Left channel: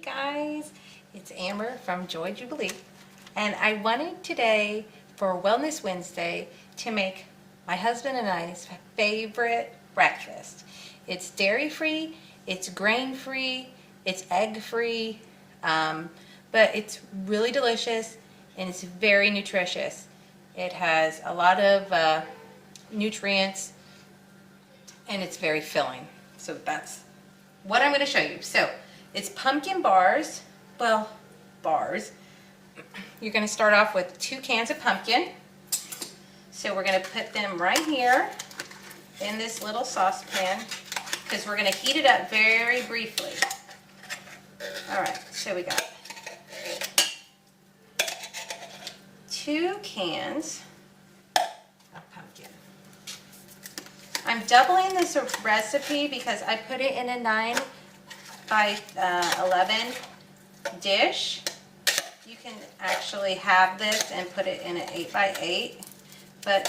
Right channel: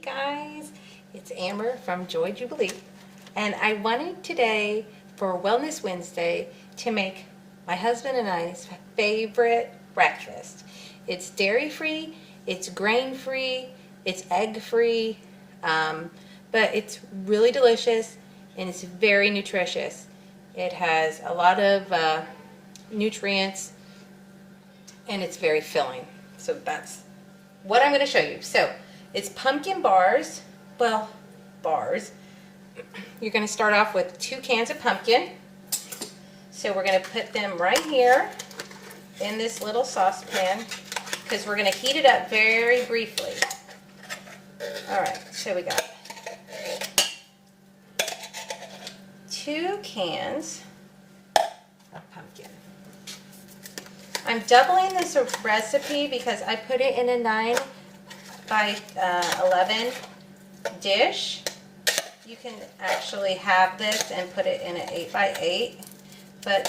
Hey guys, it's Amber from Joy Jubilee, and I wanted today for Wellness Wednesday to make my husband and I's favorite breakfast. It's dairy-free, it's grain-free, it's egg-free, but it's really delicious and it's very nutritious. It has a lot of nutrients and it's very filling. So that's what I'm going to show you. So it's pumpkin bars. Well, bars. You're going to start off with 2 cans of pumpkin. So we're going to put them right here in this little saucepan because we're going to heat it up very briefly. Alright, so we got 2 cans of pumpkin. I'm doubling this recipe because I put it in a 9 by 11 dish. You can actually have this and put it in an 8 by 8, but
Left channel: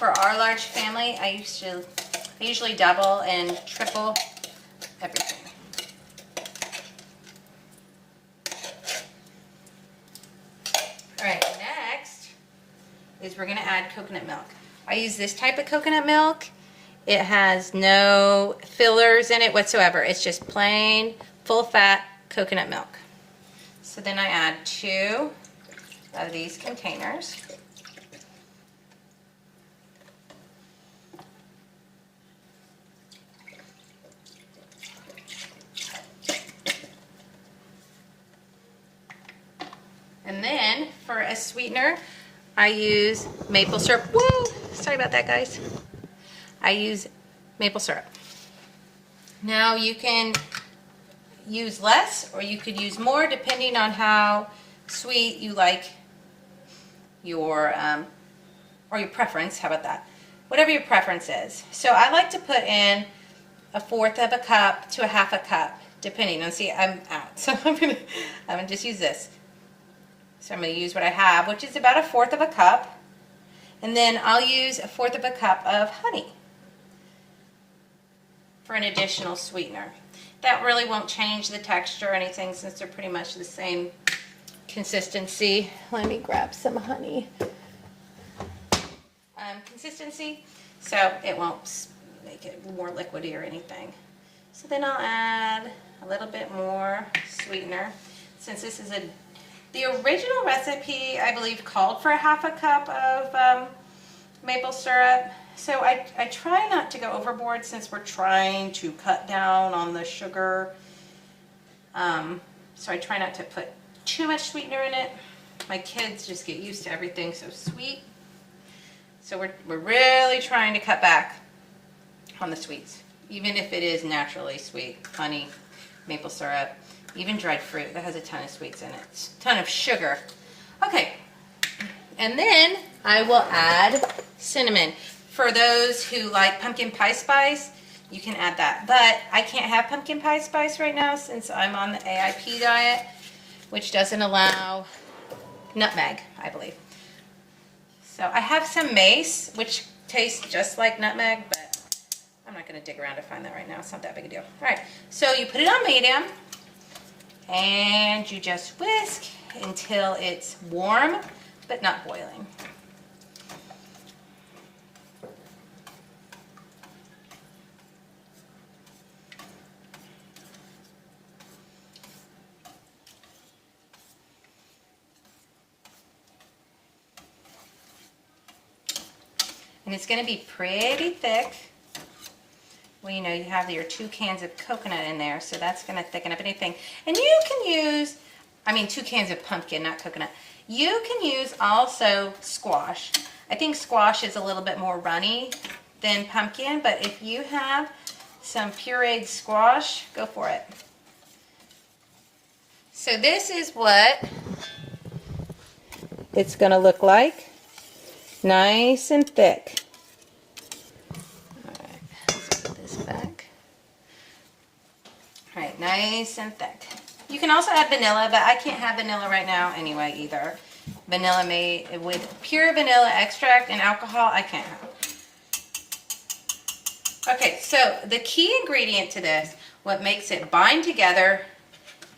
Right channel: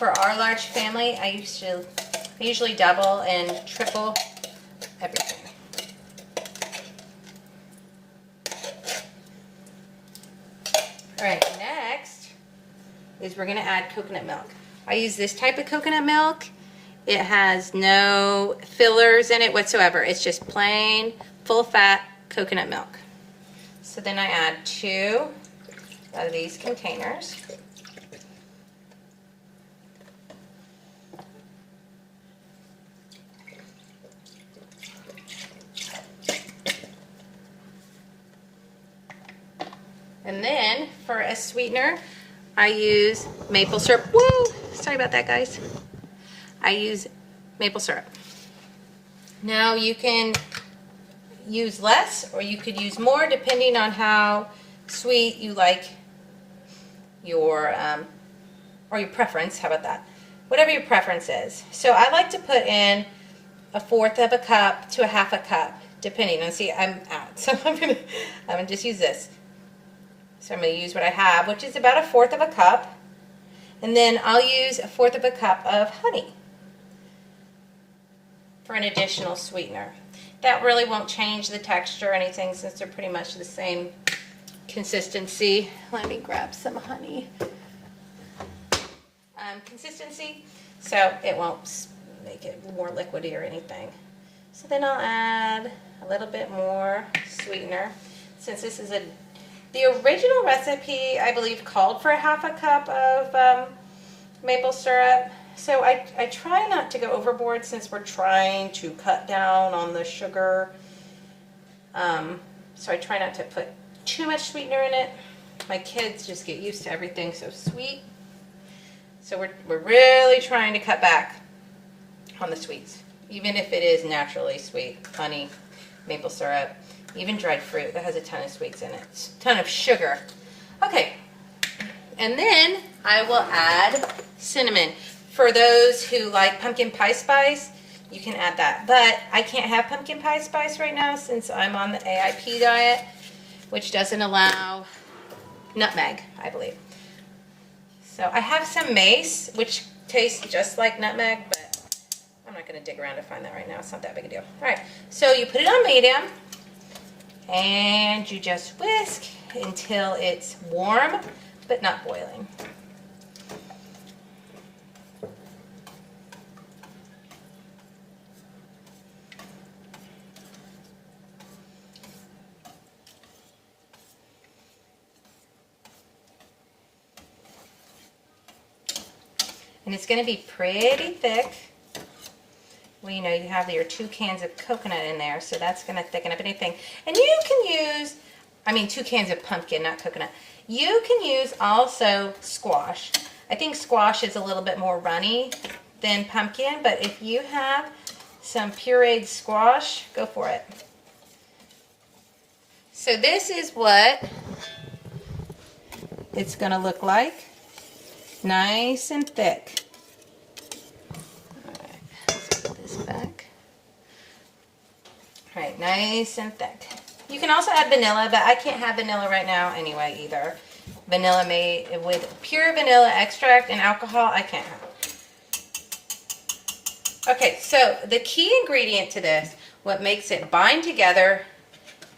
for our large family, I usually double and triple everything. Alright, next is we're going to add coconut milk. I use this type of coconut milk. It has no fillers in it whatsoever. It's just plain, full-fat coconut milk. So then I add 2 of these containers. And then for a sweetener, I use maple syrup. Woo! Sorry about that, guys. I use maple syrup. Now you can use less or you could use more depending on how sweet you like your or your preference. How about that? Whatever your preference is. So I like to put in 1/4 of a cup to 1/2 a cup, depending on. See, I'm out, so I'm gonna just use this. So I'm gonna use what I have, which is about 1/4 of a cup, and then I'll use 1/4 of a cup of honey for an additional sweetener. That really won't change the texture or anything since they're pretty much the same consistency. Let me grab some honey. Consistency, so it won't make it more liquidy or anything. So then I'll add a little bit more sweetener. Since this is the original recipe, I believe, called for 1/2 a cup of maple syrup. So I try not to go overboard since we're trying to cut down on the sugar. So I try not to put too much sweetener in it. My kids just get used to everything so sweet. So we're really trying to cut back on the sweets, even if it is naturally sweet. Honey, maple syrup, even dried fruit. That has a ton of sweets in it. A ton of sugar. Okay. And then I will add cinnamon. For those who like pumpkin pie spice, you can add that. But I can't have pumpkin pie spice right now since I'm on the AIP diet, which doesn't allow nutmeg, I believe. So I have some mace, which tastes just like nutmeg, but I'm not going to dig around to find that right now. It's not that big a deal. All right, so you put it on medium, and you just whisk until it's warm, but not boiling. And it's going to be pretty thick. Well, you know, you have your 2 cans of coconut in there, so that's going to thicken up anything. And you can use, 2 cans of pumpkin, not coconut. You can use also squash. I think squash is a little bit more runny than pumpkin, but if you have some pureed squash, go for it. So this is what it's going to look like. Nice and thick. Alright, let's put this back. Alright, nice and thick. You can also add vanilla, but I can't have vanilla right now anyway either. Vanilla made with pure vanilla extract and alcohol, I can't have. Okay, so the key ingredient to this, what makes it bind together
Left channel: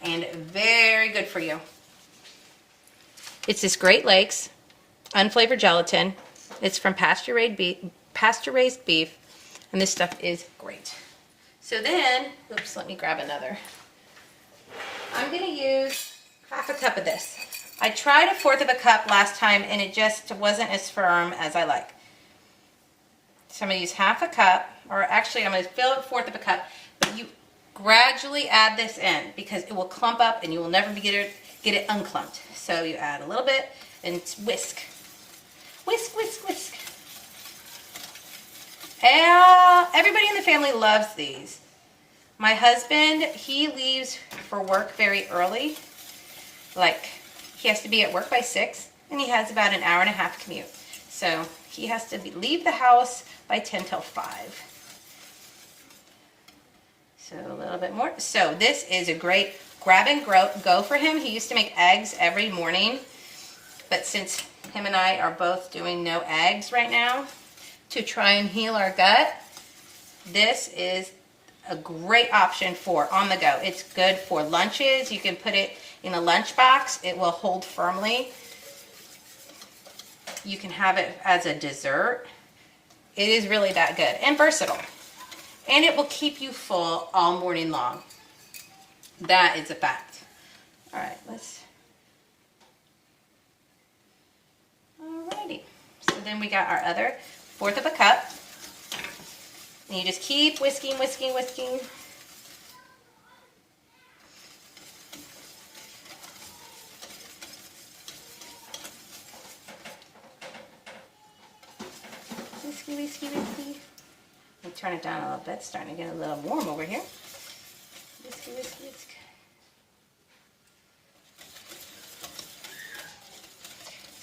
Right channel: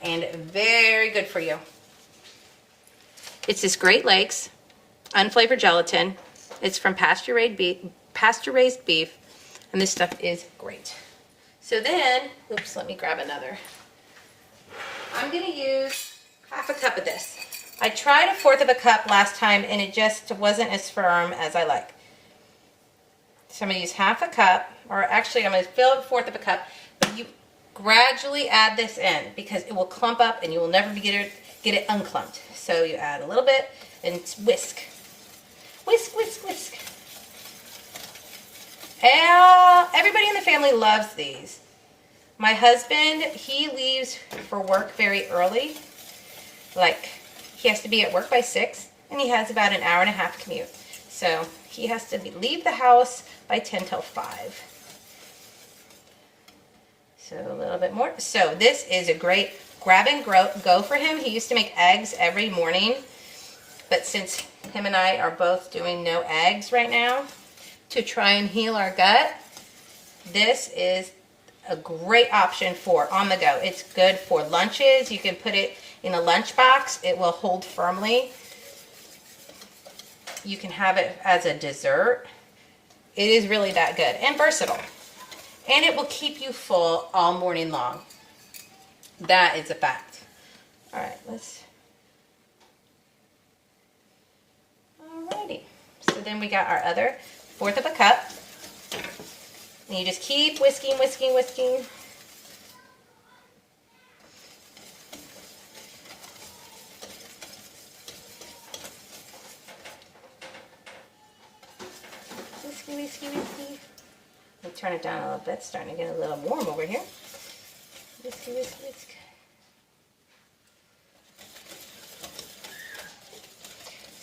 and very good for you. It's this Great Lakes unflavored gelatin. It's from pasture-raised beef, and this stuff is great. So then, oops, let me grab another. I'm going to use half a cup of this. I tried a fourth of a cup last time, and it just wasn't as firm as I like. So I'm going to use half a cup, or actually I'm going to fill a fourth of a cup, but you gradually add this in because it will clump up and you will never get it unclumped. So you add a little bit and whisk. Whisk, whisk, whisk. Everybody in the family loves these. My husband, he leaves for work very early. Like, he has to be at work by 6, and he has about an hour and a half commute. So he has to leave the house by 10 till 5. So a little bit more. So this is a great grab and go for him. He used to make eggs every morning, but since him and I are both doing no eggs right now to try and heal our gut, this is a great option for on the go. It's good for lunches. You can put it in a lunchbox. It will hold firmly. You can have it as a dessert. It is really that good and versatile. And it will keep you full all morning long. That is a fact. All right, alrighty. So then we got our other fourth of a cup. And you just keep whisking, whisking, whisking. Whiskey, whiskey, whiskey. Let me turn it down a little bit. It's starting to get a little warm over here. Whiskey, whiskey, whiskey.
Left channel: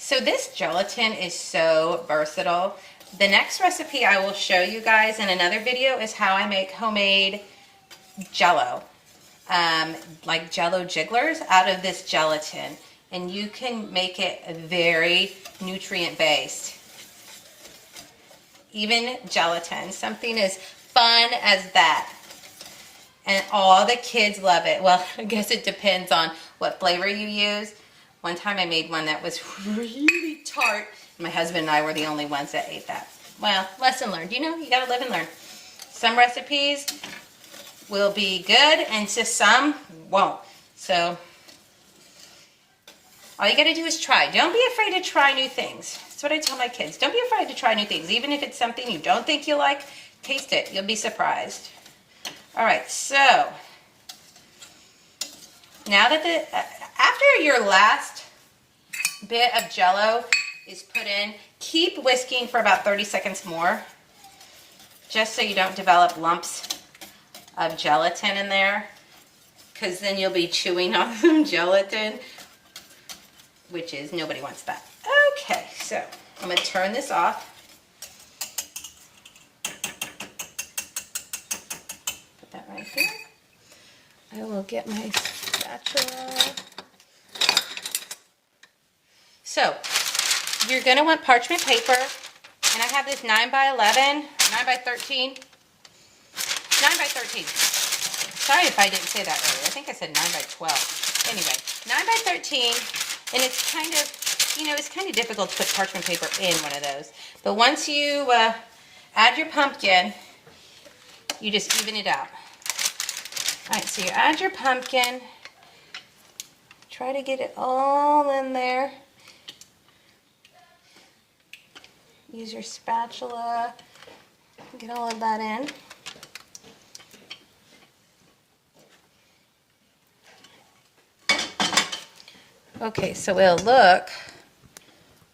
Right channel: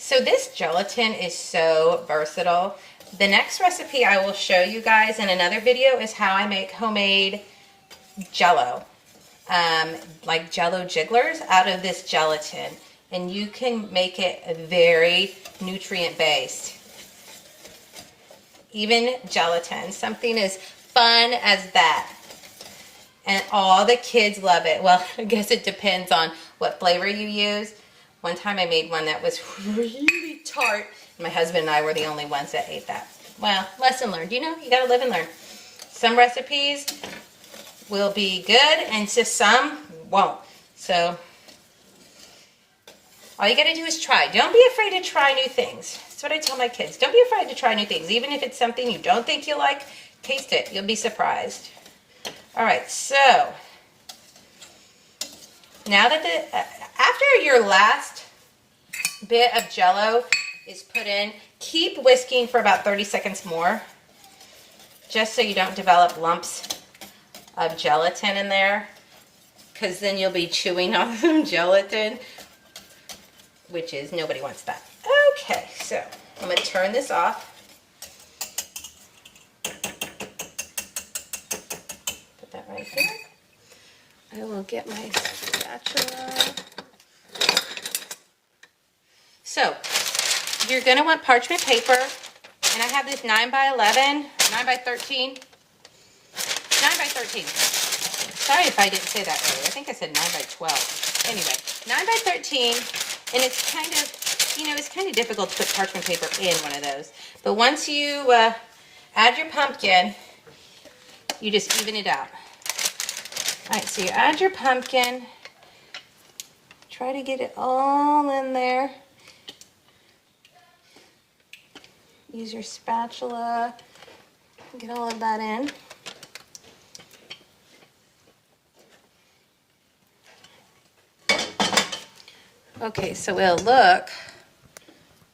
So this gelatin is so versatile. The next recipe I will show you guys in another video is how I make homemade Jell-O. Like Jell-O jigglers out of this gelatin. And you can make it very nutrient based. Even gelatin, something as fun as that. And all the kids love it. Well, I guess it depends on what flavor you use. One time I made one that was really tart. My husband and I were the only ones that ate that. Well, lesson learned. You know, you gotta live and learn. Some recipes will be good and just some won't. So, all you gotta do is try. Don't be afraid to try new things. That's what I tell my kids. Don't be afraid to try new things. Even if it's something you don't think you like, taste it. You'll be surprised. All right, so now that after your last bit of Jell-O is put in, keep whisking for about 30 seconds more, just so you don't develop lumps of gelatin in there, because then you'll be chewing on some gelatin, which is, nobody wants that. Okay, so I'm going to turn this off. Put that right here. I will get my spatula. So, you're going to want parchment paper, and I have this 9 by 11, 9 by 13, 9 by 13. Sorry if I didn't say that earlier. I think I said 9 by 12. Anyway, 9 by 13, and it's kind of, you know, it's kind of difficult to put parchment paper in one of those. But once you add your pumpkin, you just even it out. All right, so you add your pumpkin. Try to get it all in there. Use your spatula. Get all of that in. Okay, so it'll look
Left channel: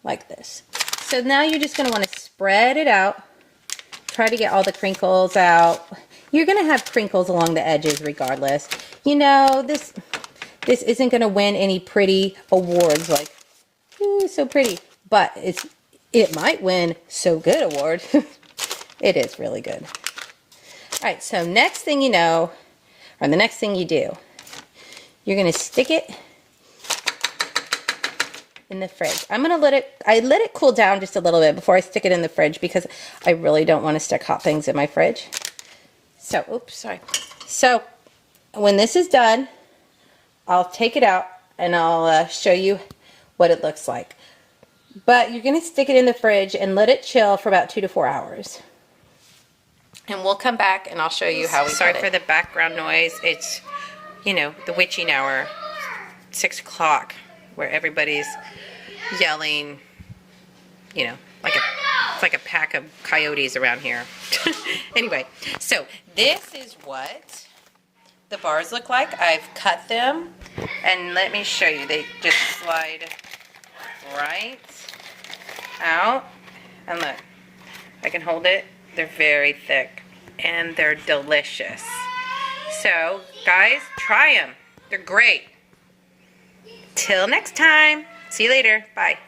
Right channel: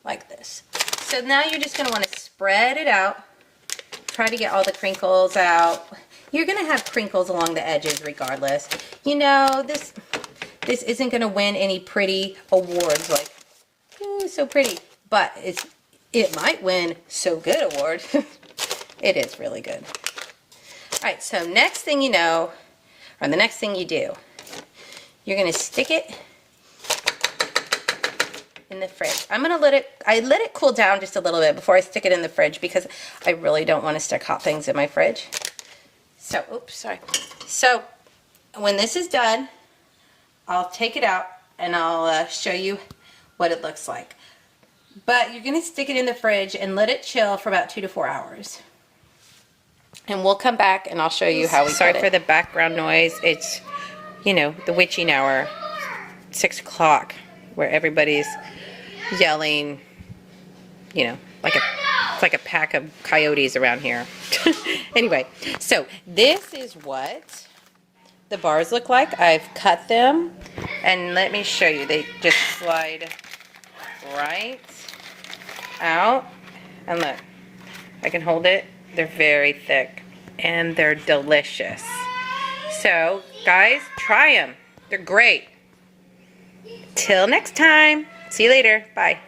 like this. So now you're just going to want to spread it out. Try to get all the crinkles out. You're going to have crinkles along the edges regardless. You know, this isn't going to win any pretty awards like, ooh, so pretty. But it might win so good award. It is really good. All right, so next thing you know, or the next thing you do, you're going to stick it in the fridge. I let it cool down just a little bit before I stick it in the fridge because I really don't want to stick hot things in my fridge. So, oops, sorry. So, when this is done, I'll take it out and I'll show you what it looks like. But you're going to stick it in the fridge and let it chill for about 2 to 4 hours. And we'll come back and I'll show you how we cut it. Sorry for the background noise. It's, you know, the witching hour, 6 o'clock, where everybody's yelling, you know, it's like a pack of coyotes around here. Anyway, so this is what the bars look like. I've cut them, and let me show you. They just slide right out, and look, I can hold it. They're very thick, and they're delicious. So, guys, try them. They're great. Till next time. See you later. Bye.